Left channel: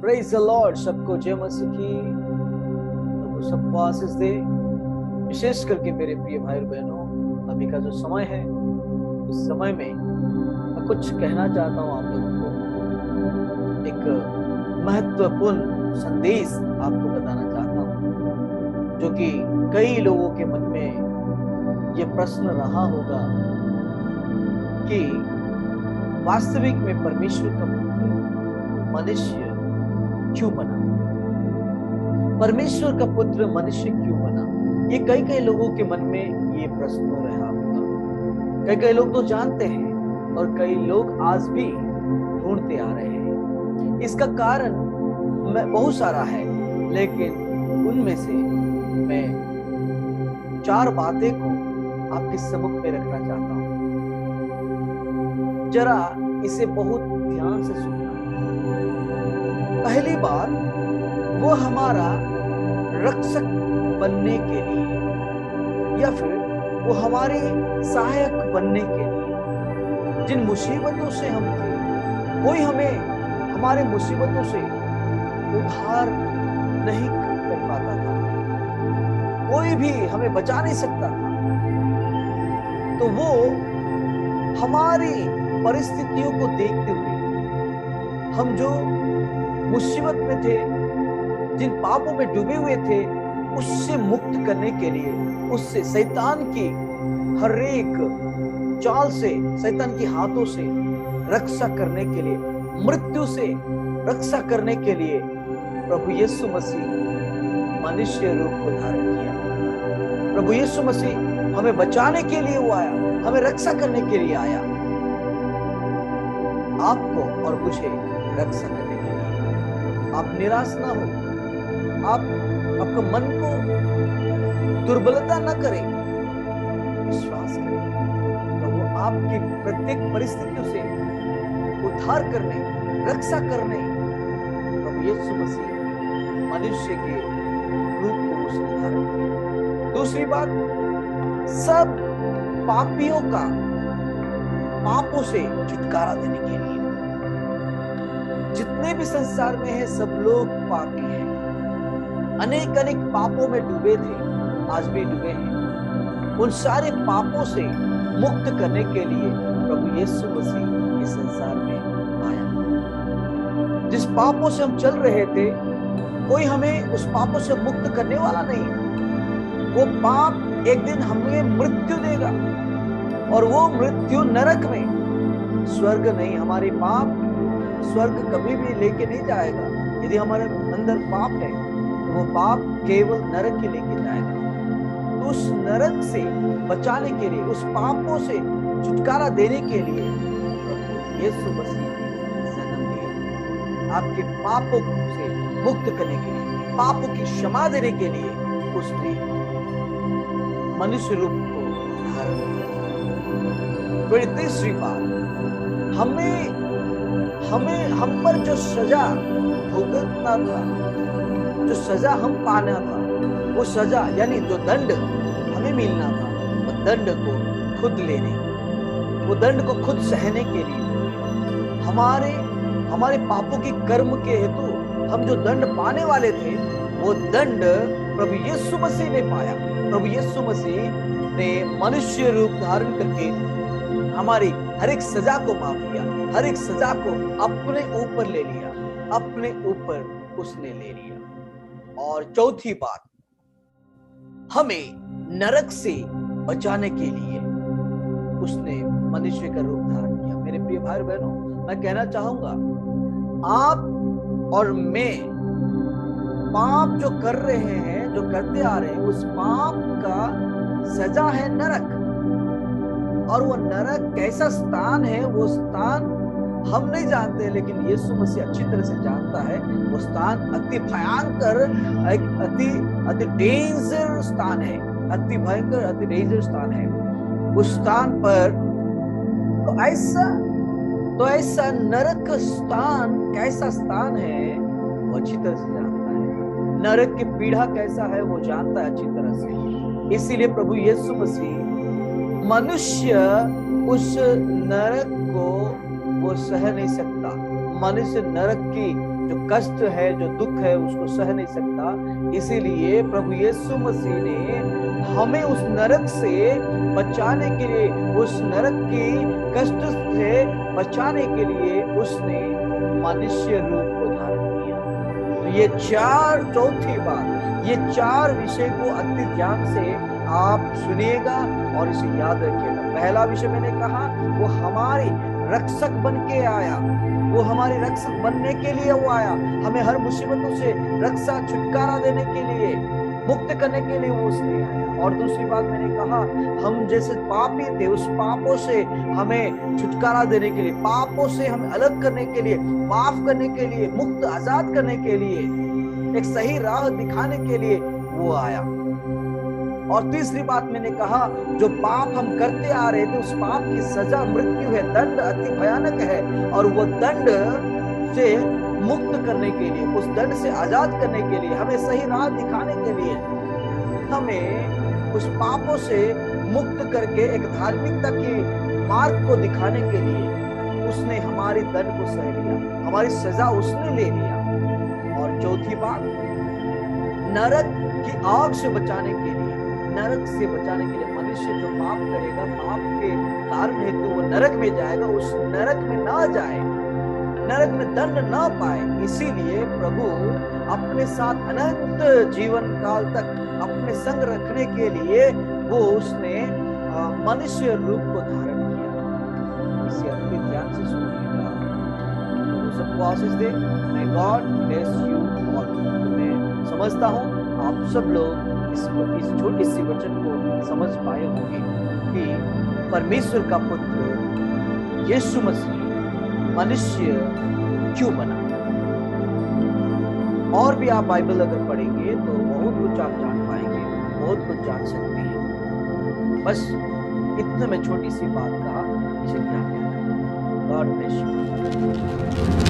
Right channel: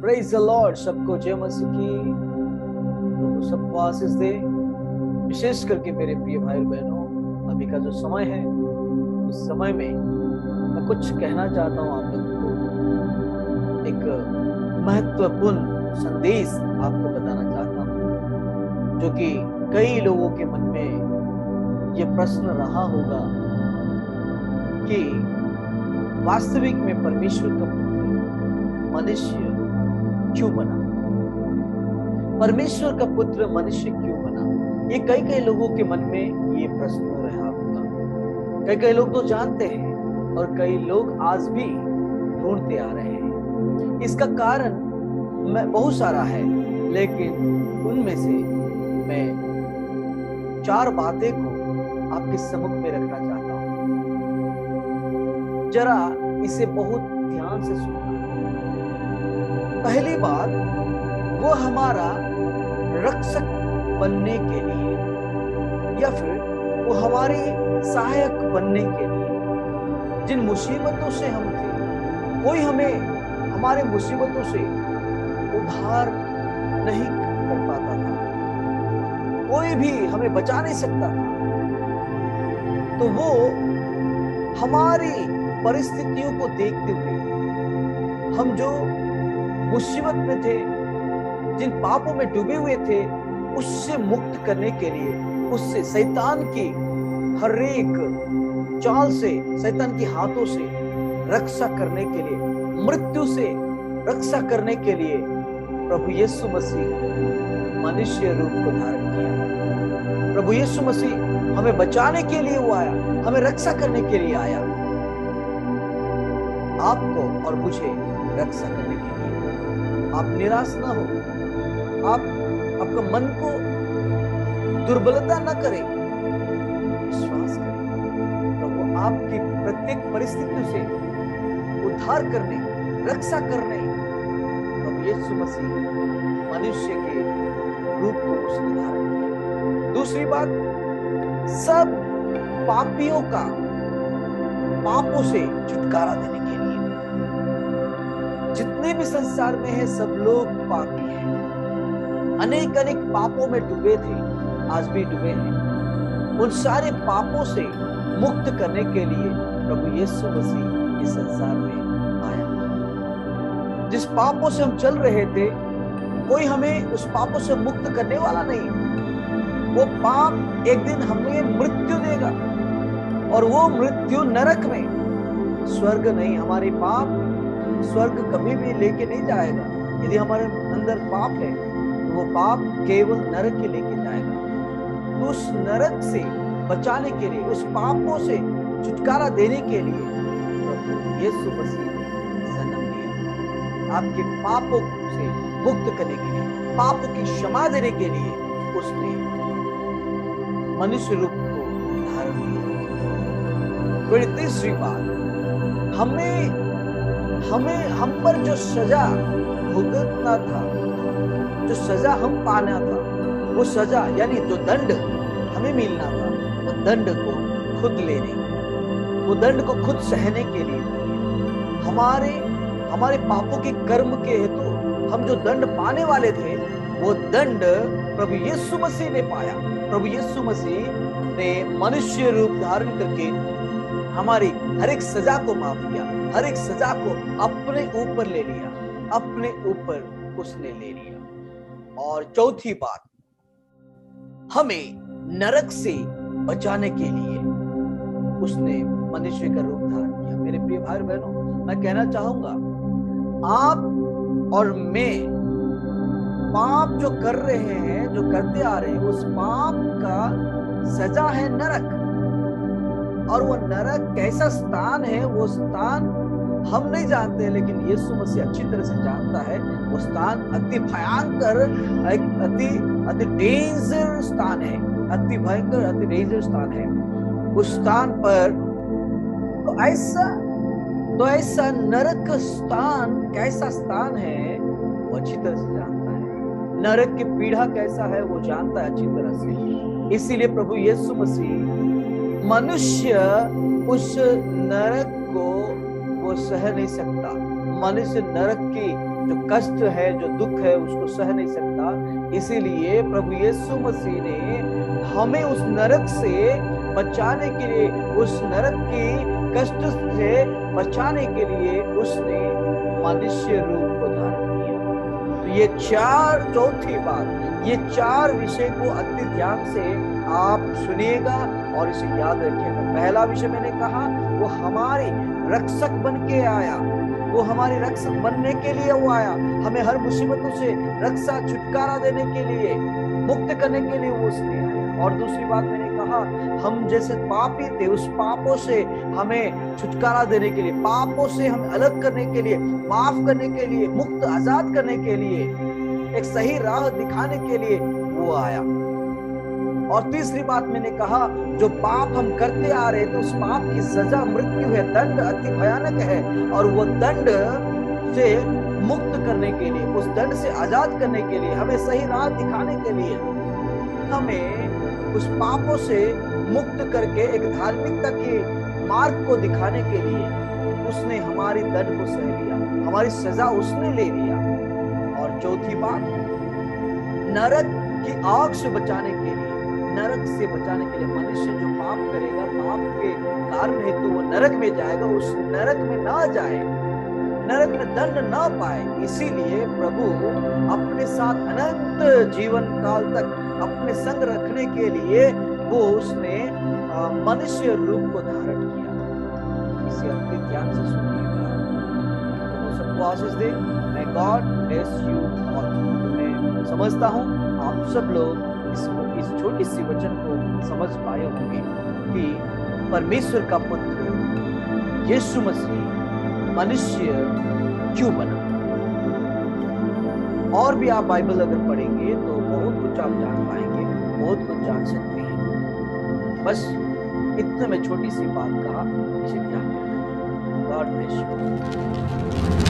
Praise the Lord. सबको जय मसीह की। प्रभु सबको आशीष दे। विशेष करके मेरे प्रिय भाई बहनों, अभी का जो समय है, उस समय में मैं कुछ कहना चाहता हूँ आप लोगों को। एक महत्वपूर्ण संदेश आपको बताना चाहता हूँ, जो कि कई लोगों के मन में ये प्रश्न रहा होगा कि वास्तविक में परमेश्वर का पुत्र मनुष्य क्यों बना, परमेश्वर का पुत्र मनुष्य क्यों बना। ये कई कई लोगों के मन में ये प्रश्न रहा होगा। कई कई लोग तो जानते हैं और कई लोग आज भी ढूंढते आ रहे हैं। इसका कारण बहुत सारा है, लेकिन उनमें से मैं 4 बातें को आपके सम्मुख में रखना चाहता हूं। जरा इसे बहुत ध्यान से सुनना। पहली बात, वो हमारा रक्षक बनने के लिए या फिर वो हमारे सहायक बनने के लिए। जिन मुसीबतों से हम थे, कोई हमें हमारे मुसीबतों से उद्धार नहीं कर पाता था, कोई भी हमें बचा नहीं सकता था। तो वो हमारी परिस्थितियों को देखते हुए, हम जो मुसीबत में थे, जिन पापों में डूबे हुए थे, उससे मुक्त करने के लिए, उससे शैतान की हर एक चाल से, शैतान की हाथों से रक्षा करने के लिए, मृत्यु से रक्षा करने के लिए प्रभु यीशु मसीह मनुष्य रूप को धारण किया। प्रभु यीशु मसीह हमें बचाने के लिए वो आया, हमें रक्षा करने के लिए आया, आपको और मुझे रक्षा करने के लिए। आप निराश ना हो, आपका मन को दुर्बलता न करे, विश्वास करें। प्रभु आपकी प्रत्येक परिस्थितियों से उद्धार करने, रक्षा करने प्रभु यीशु मसीह मनुष्य के रूप को उसने धारण किया। दूसरी बात, सब पापियों का पापों से छुटकारा देने के लिए। जितने भी संसार में है, सब लोग पापी हैं, अनेक अनेक पापों में डूबे थे, आज भी डूबे हैं। उन सारे पापों से मुक्त करने के लिए प्रभु यीशु मसीह इस संसार में आया। जिस पापों से हम चल रहे थे, कोई हमें उस पापों से मुक्त करने वाला नहीं। वो पाप एक दिन हमें मृत्यु देगा, और वो मृत्यु नरक में, स्वर्ग नहीं। हमारे पाप स्वर्ग कभी भी लेके नहीं जाएगा। यदि हमारे अंदर पाप है, तो वो पाप केवल नरक ही लेके जाएगा। तो उस नरक से बचाने के लिए, उस पापों से छुटकारा देने के लिए प्रभु यीशु मसीह ने जन्म लिया। आपके पापों से मुक्त करने के लिए, पापों की क्षमा देने के लिए उसने मनुष्य रूप को धारण किया। फिर तीसरी बात, हम पर जो सजा भुगतना था, जो सजा हम पाना था, वो सजा यानी जो दंड हमें मिलना था, वो दंड को खुद लेने, वो दंड को खुद सहने के लिए हमारे पापों के कर्म के हेतु हम जो दंड पाने वाले थे, वो दंड प्रभु यीशु मसीह ने पाया। प्रभु यीशु मसीह ने मनुष्य रूप धारण करके हमारी हर एक सजा को माफ किया, हर एक सजा को अपने ऊपर ले लिया, अपने ऊपर उसने ले लिया। और चौथी बात, हमें नरक से बचाने के लिए उसने मनुष्य का रूप धारण किया। मेरे प्रिय भाई बहनों, मैं कहना चाहूंगा, आप और मैं पाप जो कर रहे हैं, जो करते आ रहे हैं, उस पाप का सजा है नरक। और वो नरक कैसा स्थान है, वो स्थान हम नहीं जानते, लेकिन यीशु मसीह अच्छी तरह से जानता है। वो स्थान अति भयंकर, अति डेंजर स्थान है, अति भयंकर, अति डेंजर स्थान है। उस स्थान पर तो ऐसा नरक स्थान कैसा स्थान है, वो अच्छी तरह से जानता है। नरक की पीड़ा कैसा है, वो जानता है अच्छी तरह से। इसीलिए प्रभु यीशु मसीह मनुष्य उस नरक को वो सह नहीं सकता। मनुष्य नरक की जो कष्ट है, जो दुख है, उसको सह नहीं सकता। इसीलिए प्रभु यीशु मसीह ने हमें उस नरक से बचाने के लिए, उस नरक की कष्ट से बचाने के लिए उसने मनुष्य रूप को धारण किया। तो ये चौथी बात, ये 4 विषय को अति ध्यान से आप सुनिएगा और इसे याद रखिएगा। पहला विषय मैंने कहा, वो हमारे रक्षक बन के आया, वो हमारे रक्षक बनने के लिए वो आया, हमें हर मुसीबतों से रक्षा, छुटकारा देने के लिए, मुक्त करने के लिए वो उसने आया। और दूसरी बात मैंने कहा, हम जैसे पापी थे, उस पापों से हमें छुटकारा देने के लिए, पापों से हमें अलग करने के लिए, माफ करने के लिए, मुक्त आजाद करने के लिए, एक सही राह दिखाने के लिए वो आया। और तीसरी बात मैंने कहा, जो पाप हम करते आ रहे थे, उस पाप की सजा मृत्यु है, दंड अति भयानक है, और वो दंड से मुक्त करने के लिए, उस दंड से आजाद करने के लिए, हमें सही राह दिखाने के लिए, हमें उस पापों से मुक्त करके एक धार्मिकता के मार्ग को दिखाने के लिए उसने हमारी दंड को सह लिया, हमारी सजा उसने ले लिया। और चौथी बात, नरक की आग से बचाने के लिए, नरक से बचाने के लिए, मनुष्य जो पाप करेगा, पाप के कारण हेतु वो नरक में जाएगा, उस नरक में ना जाए, नरक में दंड ना पाए, इसीलिए प्रभु अपने साथ अनंत जीवन काल तक अपने संग रखने के लिए वो उसने मनुष्य रूप को धारण किया। इसे अपने ध्यान से सुनिएगा, तो वो सबको आशीष दे। May God bless you all। तो मैं समझता हूँ आप सब लोग इस छोटी सी वचन को समझ पाए होंगे कि परमेश्वर का पुत्र यीशु मसीह मनुष्य क्यों बना। और भी आप बाइबल अगर पढ़ेंगे तो बहुत कुछ आप जान पाएंगे, बहुत कुछ जान सकते हैं। बस इतने में छोटी सी बात कहा, इसे ध्यान में रखना। God bless you.